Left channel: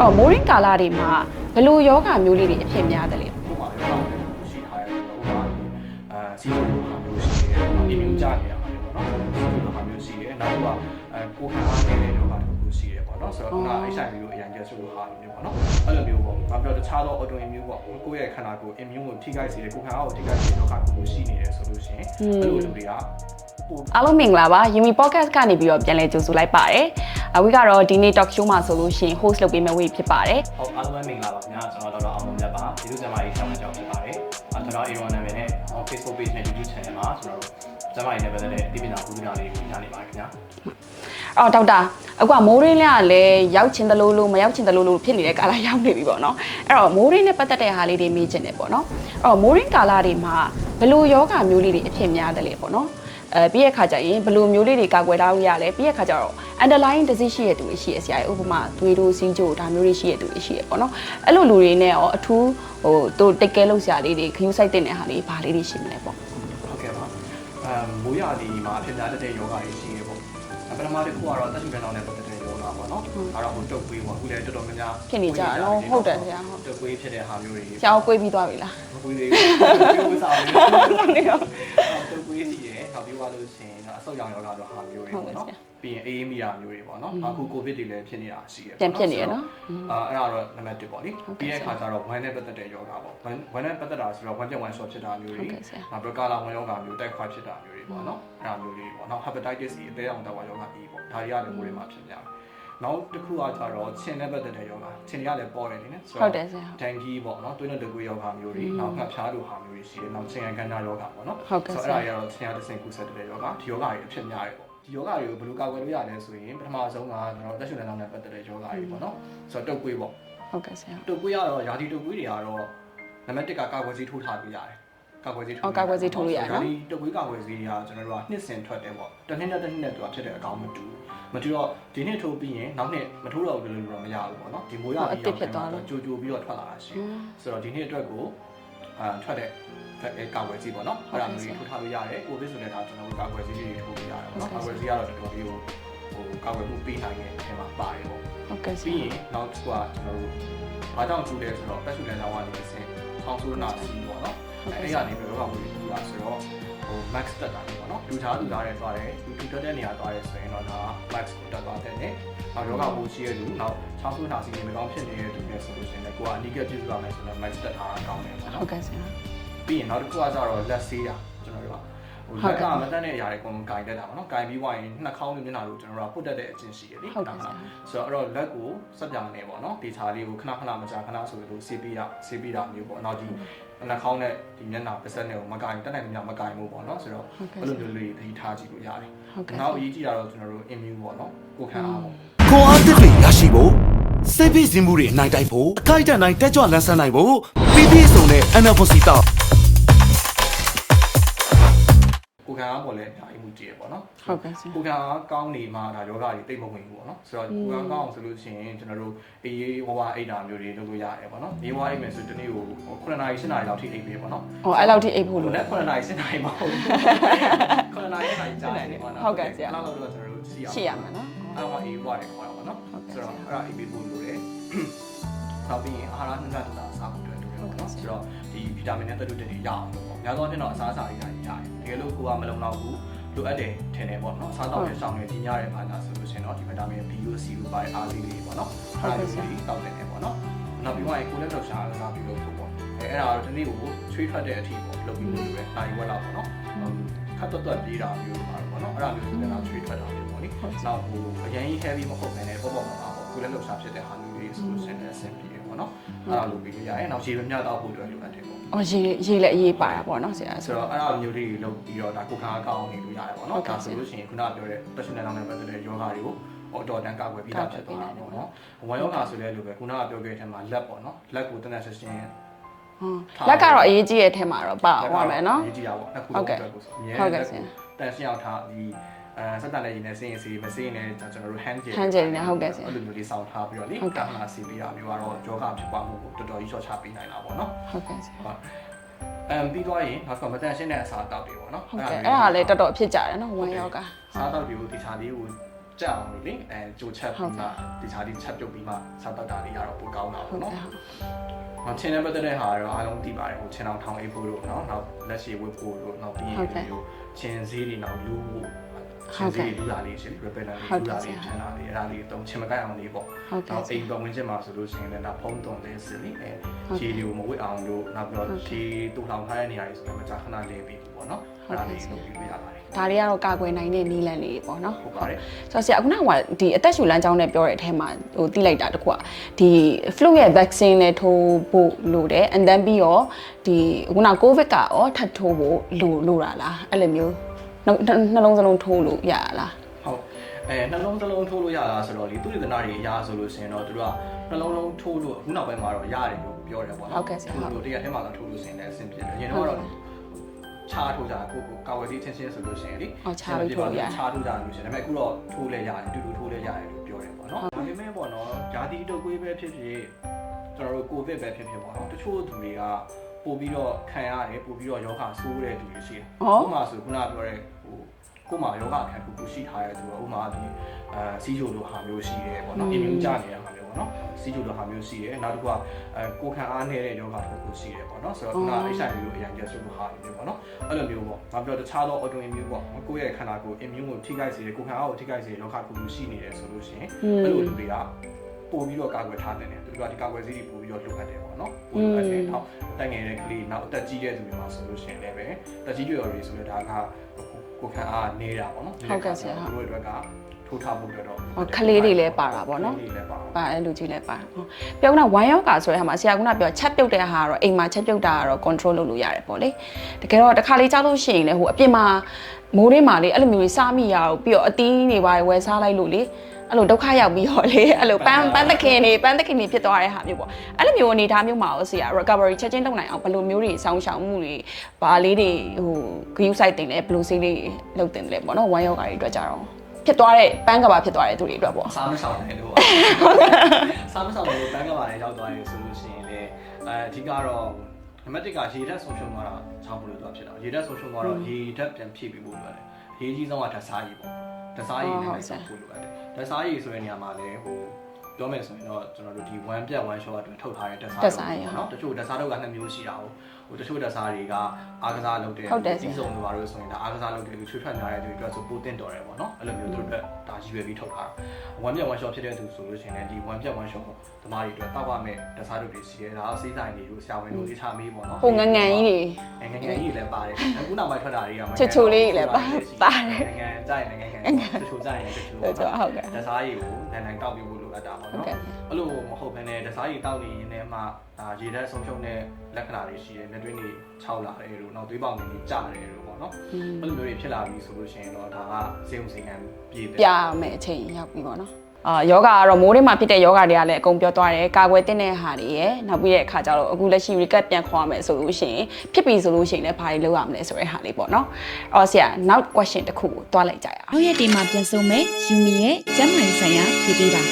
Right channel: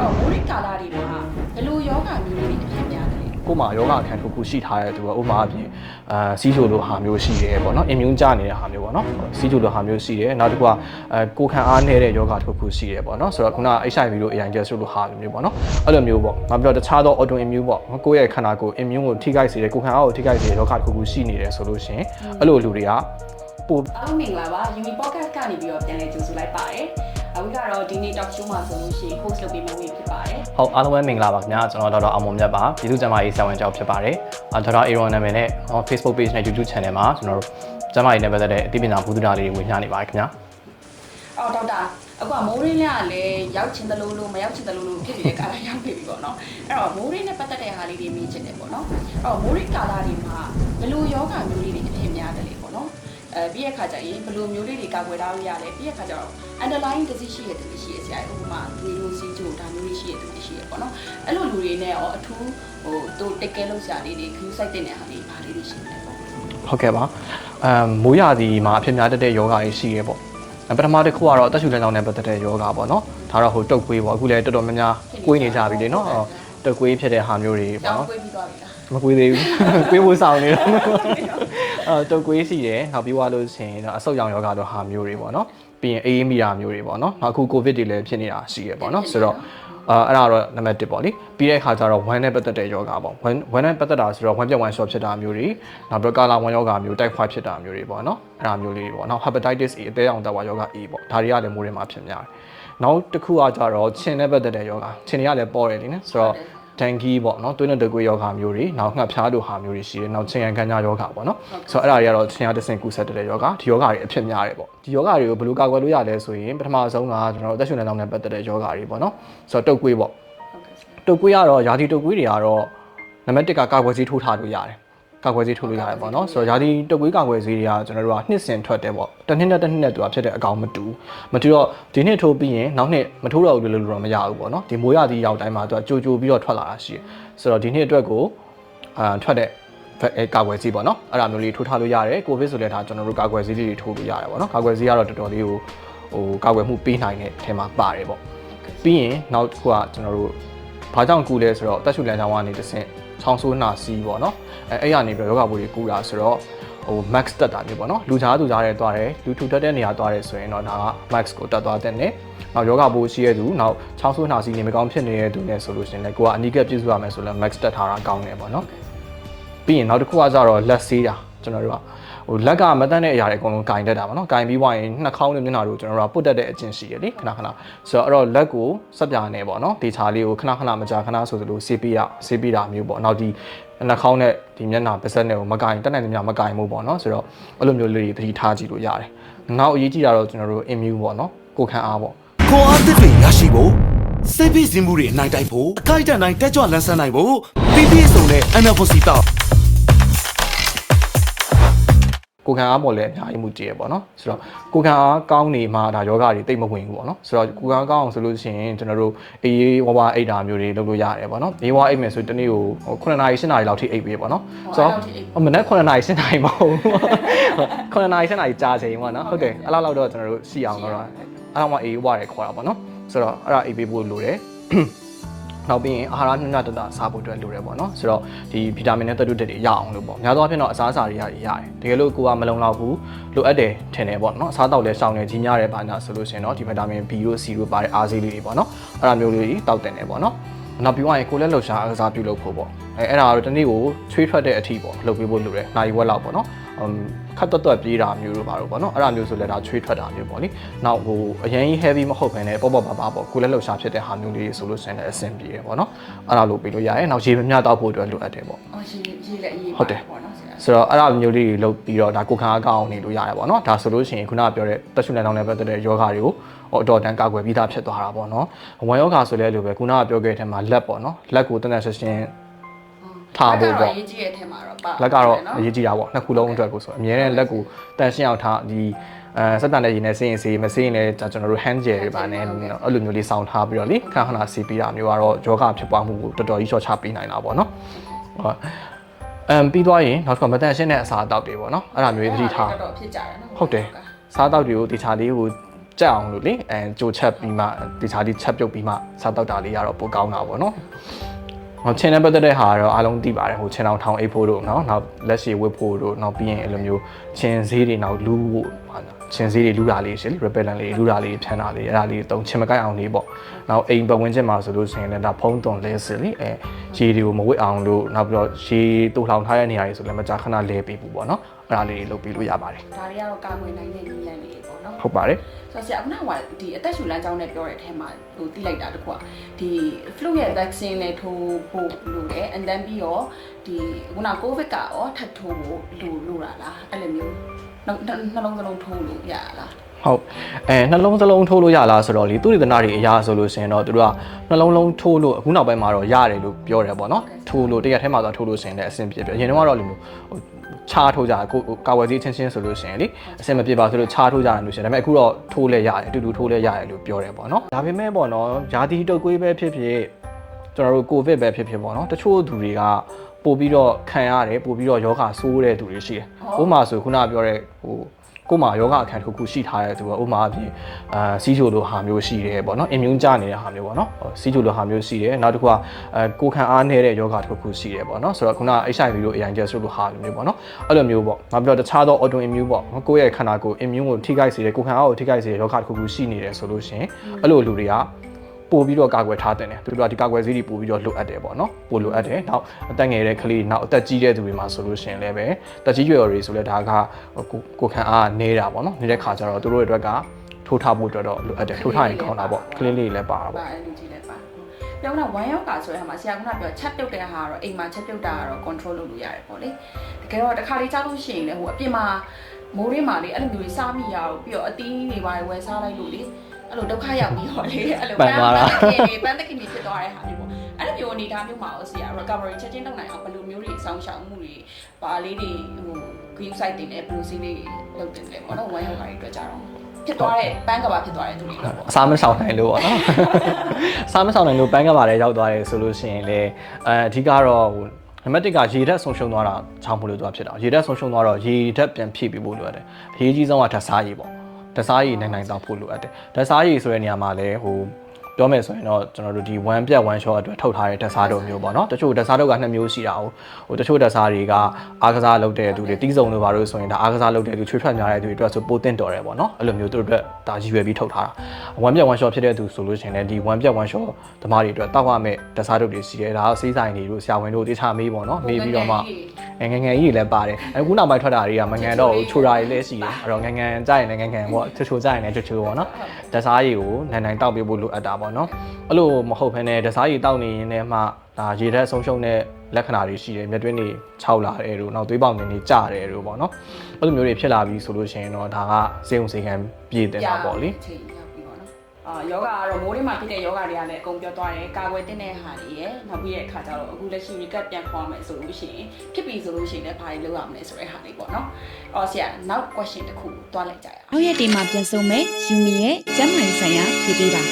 အော်မိုးရင်းကာလာတွေမှာဘယ်လိုယောဂမျိုးလေးတွေအဖြစ်များတယ်လဲကိုယ်မှာယောဂခံတစ်ခုရှိထားတဲ့သူကဥပမာအပြင်အာစီးချိုလိုဟာမျိုးရှိတယ်ပေါ့နော်အင်မြူးကျနေတဲ့ဟာမျိုးပေါ့နော်စီးချိုလိုဟာမျိုးရှိတယ်နောက်တစ်ခုကအဲကိုယ်ခံအားနည်းတဲ့ယောဂတစ်ခုရှိတယ်ပေါ့နော်ဆိုတော့ခုန HIV တို့ AIDS တို့ဟာမျိုးပေါ့နော်အဲ့လိုမျိုးပေါ့နောက်ပြီးတော့တခြားသော autoimmune ပေါ့ကိုယ့်ရဲ့ခန္ဓာကိုယ် immune ကိုထိခိုက်စေတဲ့ကိုယ်ခံအားကိုထိခိုက်စေတဲ့ယောဂတစ်ခုရှိနေတယ်ဆိုလို့ရှိရင်အဲ့လိုလူတွေကပို့အားလုံးမင်္ဂလာပါ Yumi Podcast ကနေပြီးတော့ပြန်လည်ကြိုဆိုလိုက်ပါတယ် အဝိကတော့ဒီနေ့ talk show မှာဆိုလို့ရှိရင် host လုပ်ပေးမယ့်ဝေးဖြစ်ပါတယ်ဟုတ်အားလုံးပဲမင်္ဂလာပါခင်ဗျာကျွန်တော်ဒေါက်တာအောင်မွန်မြတ်ပါပြည်သူ့ကျန်းမာရေးဆရာဝန်ကျောင်းဖြစ်ပါတယ်အာဒေါက်တာအေရွန်နာမည်နဲ့ Facebook page နဲ့ YouTube channel မှာကျွန်တော်တို့ကျန်းမာရေးနဲ့ပတ်သက်တဲ့အသိပညာဘုဒ္ဓတာလေးတွေဝင်ပြနေပါတယ်ခင်ဗျာအော်ဒေါက်တာအခုကမိုးရင်းလေးကလည်းရောက်ချင်တယ်လို့လို့မရောက်ချင်တယ်လို့လို့ဖြစ်နေတဲ့ကာလရောက်နေပြီပေါ့နော်အဲ့တော့မိုးရင်းနဲ့ပတ်သက်တဲ့ဟာလေးတွေမေးချင်တယ်ပေါ့နော်အဲ့တော့မိုးရင်းကာလတွေမှာဘယ်လိုယောဂမျိုးလေးတွေအဖြစ်များတယ်လဲပေါ့နော် အဲပြီးရခါကျရင်ဘယ်လိုမျိုးလေးတွေကာကွယ်ထားလို့ရလဲပြီးရခါကျတော့ underlying disease ရှိရတဲ့သူတွေရှိရဆရာကြီးဥပမာသွေးတို့စီးချိုဒါမျိုးတွေရှိရတဲ့သူတွေရှိရပေါ့နော်အဲ့လိုလူတွေနဲ့ရောအထူးဟိုတို့တိတ်ကဲလို့ဆရာလေးတွေခရူးဆိုင်တဲ့ဟာလေးဘာလေးတွေရှိမလဲပေါ့ဟုတ်ကဲ့ပါအမ်မိုးရာသီမှာအဖြစ်များတတ်တဲ့ယောဂကြီးရှိရဲပေါ့အဲပထမတစ်ခုကတော့အသက်ရှူလမ်းကြောင်းနဲ့ပတ်သက်တဲ့ယောဂပေါ့နော်ဒါတော့ဟိုတုတ်ကွေးပေါ့အခုလည်းတော်တော်များများဖြစ်နေကွေးနေကြပြီလေနော်ဟု တ်တယ်ဗျာတုတ်ကွေးဖြစ်တဲ့ဟာမျိုးတွေဆရာကိုကိုပြီးသွားပြီလားမကွေးသေးဘူးကွေးဖို့ဆောင်နေတော့အဲတုတ်ကွေးရှိတယ်နောက်ပြီးသွားလို့ရှိရင်တော့အဆုတ်ရောင်ယောဂတော့ဟာမျိုးတွေပေါ့နော်ပြီးရင်အေးအေးမီယာမျိုးတွေပေါ့နော်နောက်အခုကိုဗစ်တွေလည်းဖြစ်နေတာရှိရပေါ့နော်ဆိုတော့အဲအဲ့ဒါတော့နံပါတ်1ပေါ့လေပြီးတဲ့အခါကျတော့1နဲ့ပတ်သက်တဲ့ယောဂပေါ့1 1နဲ့ပတ်သက်တာဆိုတော့1ပြတ်1 shot ဖြစ်တာမျိုးတွေနောက်ပြီးကာလာ1ယောဂမျိုး type 5ဖြစ်တာမျိုးတွေပေါ့နော်အဲ့ဒါမျိုးလေးတွေပေါ့နောက် hepatitis E အသေးအောင်တက်ဝါယောဂ E ပေါ့ဒါတွေကလည်းမိုးတွေမှာဖြစ်များတယ် နောက်တစ်ခုကကြတော့ခြင်နဲ့ပတ်သက်တဲ့ယောဂခြင်တွေကလည်းပေါ်တယ်ဒီနော်ဆိုတော့ဒန်ကီပေါ့နော်တွင်းနဲ့တကွေးယောဂမျိုးတွေနောက်ငှက်ဖျားလိုဟာမျိုးတွေရှိတယ်နောက်ချင်းရန်ခံညာယောဂပေါ့နော်ဟုတ်ကဲ့ဆိုတော့အဲ့ဒါတွေကတော့ချင်းရတစ်ဆင့်ကူးဆက်တဲ့ယောဂဒီယောဂတွေအဖြစ်များတယ်ပေါ့ဒီယောဂတွေကိုဘယ်လိုကာကွယ်လို့ရလဲဆိုရင်ပထမဆုံးကကျွန်တော်တို့အသက်ရှူနေတောင်းနဲ့ပတ်သက်တဲ့ယောဂတွေပေါ့နော်ဆိုတော့တုတ်ကွေးပေါ့ဟုတ်ကဲ့ဆရာတုတ်ကွေးကတော့ယာတီတုတ်ကွေးတွေကတော့နံပါတ်1ကကာကွယ်ဆေးထိုးထားလို့ရတယ် ကာကွယ်ဆေးထိုးလို့ရတယ်ပေါ့နော်ဆိုတော့ယာတီတုတ်ကွေးကာကွယ်ဆေးတွေကကျွန်တော်တို့ကနှစ်စင်ထွက်တယ်ပေါ့တစ်နှစ်နဲ့တစ်နှစ်နဲ့သူကဖြစ်တဲ့အကောင်မတူမတူတော့ဒီနှစ်ထိုးပြီးရင်နောက်နှစ်မထိုးတော့ဘူးလို့တော့မရဘူးပေါ့နော်ဒီမိုးရာသီရောက်တိုင်းမှာသူကကြိုကြိုပြီးတော့ထွက်လာတာရှိတယ်ဆိုတော့ဒီနှစ်အတွက်ကိုအာထွက်တဲ့အဲကာကွယ်ဆေးပေါ့နော်အဲ့ဒါမျိုးလေးထိုးထားလို့ရတယ်ကိုဗစ်ဆိုလည်းဒါကျွန်တော်တို့ကာကွယ်ဆေးလေးတွေထိုးလို့ရတယ်ပေါ့နော်ကာကွယ်ဆေးကတော့တော်တော်လေးကိုဟိုကာကွယ်မှုပေးနိုင်တဲ့အထက်မှာပါတယ်ပေါ့ဟုတ်ကဲ့ဆရာပြီးရင်နောက်တစ်ခုကကျွန်တော်တို့ဘာကြောင့်ကူလဲဆိုတော့တက်ရှူလန်ကြောင်းကနေတစ်ဆင့်ချောင်းဆိုးနာစီးပေါ့နော် အဲအဲ့ရနေပြီးတော့ယောဂဘူတွေကူတာဆိုတော့ဟို max တက်တာလေးပေါ့နော်လူသားသူသားတွေတွားတယ်လူထူတက်တဲ့နေရာတွားတယ်ဆိုရင်တော့ဒါက max ကိုတက်သွားတဲ့နဲ့နောက်ယောဂဘူရှိရဲ့သူနောက်ချောင်းဆိုးနာစီးနေမကောင်းဖြစ်နေတဲ့သူနဲ့ဆိုလို့ရှိရင်လည်းကိုကအနီးကပ်ပြည့်စုံရမယ်ဆိုလည်း max တက်ထားတာကောင်းတယ်ပေါ့နော်ဟုတ်ကဲ့ဆရာပြီးရင်နောက်တစ်ခုကကျတော့လက်ဆေးတာကျွန်တော်တို့က ဟိုလက်ကမတတ်တဲ့အရာတွေအကုန်လုံးကင်တတ်တာပေါ့နော်ကင်ပြီးွားရင်နှာခေါင်းနဲ့မျက်နှာတို့ကျွန်တော်တို့ကပုတ်တတ်တဲ့အကျင့်ရှိရလေခဏခဏဆိုတော့အဲ့တော့လက်ကိုစက်ပြာနဲ့ပေါ့နော်ဒေချာလေးကိုခဏခဏမကြာခဏဆိုသလိုဆေးပေးတာဆေးပေးတာမျိုးပေါ့နောက်ဒီနှာခေါင်းနဲ့ဒီမျက်နှာပါးစပ်နဲ့ကိုမကင်တက်နိုင်သမျှမကင်ဘူးပေါ့နော်ဆိုတော့အဲ့လိုမျိုးလေးတွေသတိထားကြည့်လို့ရတယ်နောက်အရေးကြီးတာတော့ကျွန်တော်တို့ immune ပေါ့နော်ကိုယ်ခံအားပေါ့ခွန်အားသစ်တွေရရှိဖို့စိတ်ဖိစီးမှုတွေအနိုင်တိုက်ဖို့အခိုက်အတန့်တိုင်းတက်ကြွလန်းဆန်းနိုင်ဖို့ပြည့်ပြည့်စုံတဲ့ NFOC တော က်ကိုယ်ခံအားပေါ်လည်းအများကြီးမှုကြည့်ရပေါ့နော်ဆိုတော့ကိုယ်ခံအားကောင်းနေမှဒါယောဂတွေတိတ်မဝင်ဘူးပေါ့နော်ဆိုတော့ကိုယ်ခံအားကောင်းအောင်ဆိုလို့ရှိရင်ကျွန်တော်တို့အေးဝါးဝါအိတ်တာမျိုးတွေလုပ်လို့ရတယ်ပေါ့နော်အေးဝါးအိတ်မယ်ဆိုတနေ့ကို9နာရီ10နာရီလောက်ထိအိတ်ပေးပေါ့နော်ဟိုအဲ့လောက်ထိအိပ်ဖို့မနေ့9နာရီ10နာရီမဟုတ်ဘူး9နာရီ10နာရီကြာချိန်ပေါ့နော်ဟုဟုတ်တ်ကဲ့တယ်အဲ့လောက်တော့ကျွန်တော်တို့ရှိအောင်ရှိပါအောင်အဲ့တော့မှအေးဝါးရခေါ်တာပေါ့နော်ဆိုတော့အဲ့ဒါအိတ်ပေးဖို့လိုတယ် နောက်ပြီးရင်အာဟာရညွှန်တတစားဖို့အတွက်လိုတယ်ပေါ့နော်ဆိုတော့ဒီဗီတာမင်နဲ့သတ္တုတက်တွေရအောင်လို့ပေါ့များသောအားဖြင့်တော့အစားအစာတွေရတယ်ရတယ်တကယ်လို့ကိုကမလုံလောက်ဘူးလိုအပ်တယ်ထင်တယ်ပေါ့နော်အစားတောက်လဲစောင်းနေကြီးများတယ်ဘာညာဆိုလို့ရှိရင်တော့ဒီဗီတာမင် B တို့ C တို့ပါတဲ့အားဆေးလေးတွေပေါ့နော်အဲ့ဒါမျိုးလေးတွေတောက်တင်တယ်ပေါ့နော်နောက်ပြီးရင်ကိုလည်းလှုပ်ရှားအစားပြုလုပ်ဖို့ပေါ့အဲအဲ့ဒါတော့တနေ့ကိုချွေးထွက်တဲ့အထိပေါ့လုပ်ပေးဖို့လိုတယ်နိုင်ဝက်လောက်ပေါ့နော် ခတ်တွတ်တွတ်ပြေးတာမျိုးတို့ပါတော့ပေါ့နော်အဲ့ဒါမျိုးဆိုလဲဒါချွေးထွက်တာမျိုးပေါ့လေနောက်ဟိုအရင်ကြီး heavy မဟုတ်ဘဲနဲ့ပေါ့ပေါ့ပါပါပေါ့ကိုလည်းလှုပ်ရှားဖြစ်တဲ့ဟာမျိုးလေးဆိုလို့ရှိရင်လည်းအဆင်ပြေတယ်ပေါ့နော်အဲ့ဒါလို့ပြီးလို့ရတယ်နောက်ရေမမျှတောက်ဖို့အတွက်လိုအပ်တယ်ပေါ့အော်ရေးရေးလည်းအရေးပါတယ်ပေါ့နော်ဆရာဆိုတော့အဲ့ဒါမျိုးလေးတွေလုပ်ပြီးတော့ဒါကိုခံအားကောင်းအောင်နေလို့ရတယ်ပေါ့နော်ဒါဆိုလို့ရှိရင်ခုနကပြောတဲ့တက်ရှူနေတောင်းနဲ့ပတ်သက်တဲ့ယောဂတွေကိုဟိုအတော်တန်ကာကွယ်ပြီးသားဖြစ်သွားတာပေါ့နော်ဝမ်ယောဂဆိုလဲလိုပဲခုနကပြောခဲ့တဲ့ထဲမှာလက်ပေါ့နော်လက်ကိုတန်တန်ရှင်းရှင်း ထားလက်ဖို့ကတော့ပေါ့အရေးကြီးတဲ့ထဲမှာတော့ပါလက်ကတော့နော်အရေးကြီးတာပေါ့နှစ်ခုလုံးအတွက်ကိုဆိုအမြဲတမ်းလက်ကိုတန်ရှင်းအောင်ထားဒီအဲစက်တန်တဲ့ရည်နဲ့ဆေးရင်ဆေးမဆေးရင်လည်းကျွန်တော်တို့ hand gel တွေပါနေအဲ့လိုမျိုးလေးစောင်းထားပြီးတော့လေခဏခဏဆေးပေးတာမျိုးကတော့ယောဂဖြစ်ပွားမှုကိုတော်တော်ကြီးရှော့ချပေးနိုင်တာပေါ့နော်ဟုတ်ကဲ့ဆရာဟုတ်အမ်ပြီးသွားရင်နောက်တစ်ခါမတန်ရှင်းတဲ့အစာအသောက်တွေပေါ့နော်အဲ့ဒါမျိုးအဲ့လေးဒါလည်းထားတော်တော်အဖြစ်ကြတယ်နော်ဟုတ်တယ်ဝေယောဂစားတောက်တွေကိုတခြားလေးကိုကြက်အောင်လို့လေအဲကြိုချက်ပြီးမှတခြားဒီချက်ပြုတ်ပြီးမှစားတော့တာလေးကတော့ပိုကောင်းတာပေါ့နော် ဟောချင်းနဲ့ပတ်သက်တဲ့ဟာကတော့အားလုံးသိပါတယ်ဟိုချင်းအောင်ထောင်အိတ်ဖို့တို့နော်နောက်လက်ရှိဝတ်ဖို့တို့နောက်ပြီးရင်အဲ့လိုမျိုးချင်းဈေးတွေနောက်လူဖို့ချင်းဈေးတွေလူတာလေးရှိလေ repellent လေးလူတာလေးဖြန်းတာလေးအဲ့ဒါလေးတုံးချင်းမကိုက်အောင်လေးပေါ့နောက်အိမ်ပတ်ဝန်းကျင်မှာဆိုလို့ရှိရင်လည်းဒါဖုံးသွန်လဲစစ်လေအဲရေတွေကိုမဝစ်အောင်လို့နောက်ပြီးတော့ရေတူထောင်ထားတဲ့နေရာတွေဆိုလည်းမကြာခဏလဲပေးဖို့ပေါ့နော် အဲ့ဒါလေးလုပ်ပြီးလို့ရပါတယ်ဒါတွေကတော့ကာကွယ်နိုင်တဲ့နည်းလမ်းလေးတွေပေါ့နော်ဟုတ်ပါတယ်ဆိုတော့ဆရာအခုနကဒီအသက်ရှူလမ်းကြောင်းနဲ့ပြောတဲ့အထက်မှာဟိုတိလိုက်တာတခုကဒီ flu ရဲ့ vaccine နဲ့ထိုးဖို့လိုတယ် and then ပြီးတော့ဒီခုန covid ကရောထပ်ထိုးဖို့လိုလိုတာလားအဲ့လိုမျိုးနှနှလုံးစလုံးထိုးလို့ရလား ဟုတ်အဲနှလုံးသလုံးထိုးလို့ရလားဆိုတော့လေသူရိသနာတွေအရာဆိုလို့ရှိရင်တော့သူတို့ကနှလုံးလုံးထိုးလို့အခုနောက်ပိုင်းမှာတော့ရတယ်လို့ပြောတယ်ပေါ့နော်ထိုးလို့တရက်ထဲမှာတော့ထိုးလို့ရှိရင်လည်းအဆင်ပြေပြအရင်တော့ကတော့လူမျိုးဟိုချားထိုးကြကိုကာဝယ်သေးချင်းချင်းဆိုလို့ရှိရင်လေအဆင်မပြေပါဆိုလို့ချားထိုးကြတယ်လို့ရှိရင်ဒါပေမဲ့အခုတော့ထိုးလဲရတယ်အတူတူထိုးလဲရတယ်လို့ပြောတယ်ပေါ့နော်ဒါပေမဲ့ပေါ့နော်ဂျာတိတုတ်ကွေးပဲဖြစ်ဖြစ်ကျွန်တော်တို့ကိုဗစ်ပဲဖြစ်ဖြစ်ပေါ့နော်တချို့သူတွေကပို့ပြီးတော့ခံရတယ်ပို့ပြီးတော့ယောဂဆိုးတဲ့သူတွေရှိတယ်ဥပမာဆိုခုနပြောတဲ့ဟို ကိုယ်မှာယောဂအခန်းတစ်ခုရှိထားတဲ့သူကဥမာအပြင်အာစီးချိုလိုဟာမျိုးရှိတယ်ပေါ့နော်အင်မြူးကျနေတဲ့ဟာမျိုးပေါ့နော်စီးချိုလိုဟာမျိုးရှိတယ်နောက်တစ်ခုကအဲကိုယ်ခံအားနည်းတဲ့ယောဂတစ်ခုရှိတယ်ပေါ့နော်ဆိုတော့ခုန HIV တို့ AIDS တို့လိုဟာမျိုးပေါ့နော်အဲ့လိုမျိုးပေါ့နောက်ပြီးတော့တခြားသော autoimmune ပေါ့ကိုယ့်ရဲ့ခန္ဓာကိုယ် immune ကိုထိခိုက်စေတဲ့ကိုယ်ခံအားကိုထိခိုက်စေတဲ့ယောဂတစ်ခုခုရှိနေတယ်ဆိုလို့ရှိရင်အဲ့လိုလူတွေက ပို့ပြီးတော့ကာကွယ်ထားတယ်တယ်သူတို့ကဒီကာကွယ်ဆေးတွေပို့ပြီးတော့လိုအပ်တယ်ပေါ့နော်ပို့လိုအပ်တယ်နောက်အသက်ငယ်တဲ့ကလေးနောက်အသက်ကြီးတဲ့သူတွေမှာဆိုလို့ရှိရင်လည်းပဲတက်ကြီးရွယ်ရွယ်တွေဆိုလဲဒါကကိုကိုခံအားနေတာပေါ့နော်နေတဲ့ခါကျတော့သူတို့တွေအတွက်ကထိုးထားဖို့အတွက်တော့လိုအပ်တယ်ကလေးလေးလည်းပါတာပေါ့ကလေးလေးလည်းပါတာပေါ့ပါအဲ့လူကြီးလည်းပါပြောကဝိုင်းယောဂါဆိုတဲ့ဟာမှာဆရာကပြောချက်ပြုတ်တဲ့ဟာကတော့အိမ်မှာချက်ပြုတ်တာကတော့ control လုပ်လို့ရတယ်ပေါ့လေတကယ်တော့တစ်ခါလေးကြားလို့ရှိရင်လည်းဟိုအပြင်မှာမိုးရင်းမှာလေအဲ့လိုမျိုးစားမိရအောင်ပြီးတော့အသီးတွေပါဝယ်စားလိုက်လို့လေ အဲ့လိုဒုက္ခရောက်ပြီးတော့လေအဲ့လိုပန်းပန်းသခင်တွေပန်းသခင်တွေဖြစ်သွားတဲ့ဟာမျိုးပေါ့အဲ့လိုမျိုးအနေထားမျိုးမှာရောဆရာ recovery ချက်ချင်းလုပ်နိုင်အောင်ဘယ်လိုမျိုးတွေစောင်းရှောင်မှုတွေဘာလေးတွေဟို view site တင်လဲဘယ်လိုစိတ်လေးလုပ်တင်တယ်ပေါ့နော်ဝိုင်းယောဂါတွေအတွက်ကြတော့ဖြစ်သွားတဲ့ပန်းကဘာဖြစ်သွားတဲ့သူတွေအတွက်ပေါ့အစားမဆောင်နိုင်လို့ပေါ့နော်အစားမဆောင်နိုင်လို့ပန်းကပါလည်းရောက်သွားတယ်ဆိုလို့ရှိရင်လေအဲအဓိကတော့ဟိုနံပါတ်1ကရေဓာတ်ဆုံးရှုံးသွားတာချောင်းဖို့လို့သူကဖြစ်တာရေဓာတ်ဆုံးရှုံးသွားတော့ရေဓာတ်ပြန်ဖြည့်ပြီးဖို့လိုအပ်တယ်အရေးကြီးဆုံးကဓာတ်စားရည်ပေါ့ ဓာတ်စားရည်နိုင်နိုင်တောက်ဖို့လိုအပ်တယ်ဓာတ်စားရည်ဆိုတဲ့နေရာမှာလည်းဟိုပြောမယ်ဆိုရင်တော့ကျွန်တော်တို့ဒီ1ပြတ်1 shot အတွက်ထုတ်ထားတဲ့ဓာတ်စားတုံမျိုးပေါ့နော်တချို့ဓာတ်စားတုံက2မျိုးရှိတာဟုတ်ဟိုတချို့ဓာတ်စားတွေကအားကစားလုပ်တဲ့လူတွေတီးစုံလိုပါလို့ဆိုရင်ဒါအားကစားလုပ်တဲ့လူချွေးထွက်များတဲ့သူတွေအတွက်ဆိုပိုတင်တော်တယ်ပေါ့နော်အဲ့လိုမျိုးသူတို့အတွက်ဒါရည်ရွယ်ပြီးထုတ်ထားတာ 1ပြတ်1 shot ဖြစ်တဲ့သူဆိုလို့ရှိရင်လည်းဒီ1ပြတ်1 shot သမားတွေအတွက်တောက်ရမယ့်ဓာတ်စားတုံတွေရှိတယ်ဒါကစေးဆိုင်တွေတို့ဆရာဝန်တို့တေချာမေးပေါ့နော်ဟိုငငယ်ကြီးတွေငငယ်ငယ်ကြီးတွေလည်းပါတယ်အခုနောက်ပိုင်းထွက်တာတွေကမငယ်တော့ချိုတာတွေလည်းရှိတယ်အဲ့တော့ငငယ်ကြရင်လည်းငငယ်ပေါ့ချိုချိုကြရင်လည်းချိုချိုပေါ့နော်ဟုတ်ကဲ့ဓာတ်စားရည်ကိုနိုင်နိုင်တောက်ပေးဖို့လိုအပ်တာပေါ့နော်အဲ့လိုမဟုတ်ဘဲနဲ့ဓာတ်စားရည်တောက်နေရင်လည်းမှ ဒါရေဓာတ်ဆုံးရှုံးတဲ့လက္ခဏာတွေရှိတယ်မျက်တွင်းတွေခြောက်လာတယ်တို့နောက်သွေးပေါင်တွေနေကျတယ်တို့ပေါ့နော်အဲ့လိုမျိုးတွေဖြစ်လာပြီဆိုလို့ရှိရင်တော့ဒါကစေုံစေကံပြည့်တယ်ပြပေါ့လေအချိန်ရောက်ပြီပေါ့နော်အာယောဂကတော့မိုးထဲမှာဖြစ်တဲ့ယောဂတွေကလည်းအကုန်ပြောသွားတယ်ကာကွယ်တင်တဲ့ဟာတွေရယ်နောက်ပြီးတဲ့အခါကျတော့အခုလက်ရှိ recap ပြန်ခေါ်ရမယ်ဆိုလို့ရှိရင်ဖြစ်ပြီဆိုလို့ရှိရင်လည်းဘာတွေလုပ်ရမလဲဆိုတဲ့ဟာလေးပေါ့နော်အော်ဆရာနောက် question တစ်ခုကိုတွားလိုက်ကြရအောင်နောက်ရက်ဒီမှာပြန်ဆုံးမယ်ယူမီရဲ့ကျမ်းမာရေးဆိုင်ရာဖြည့်ပေးပါ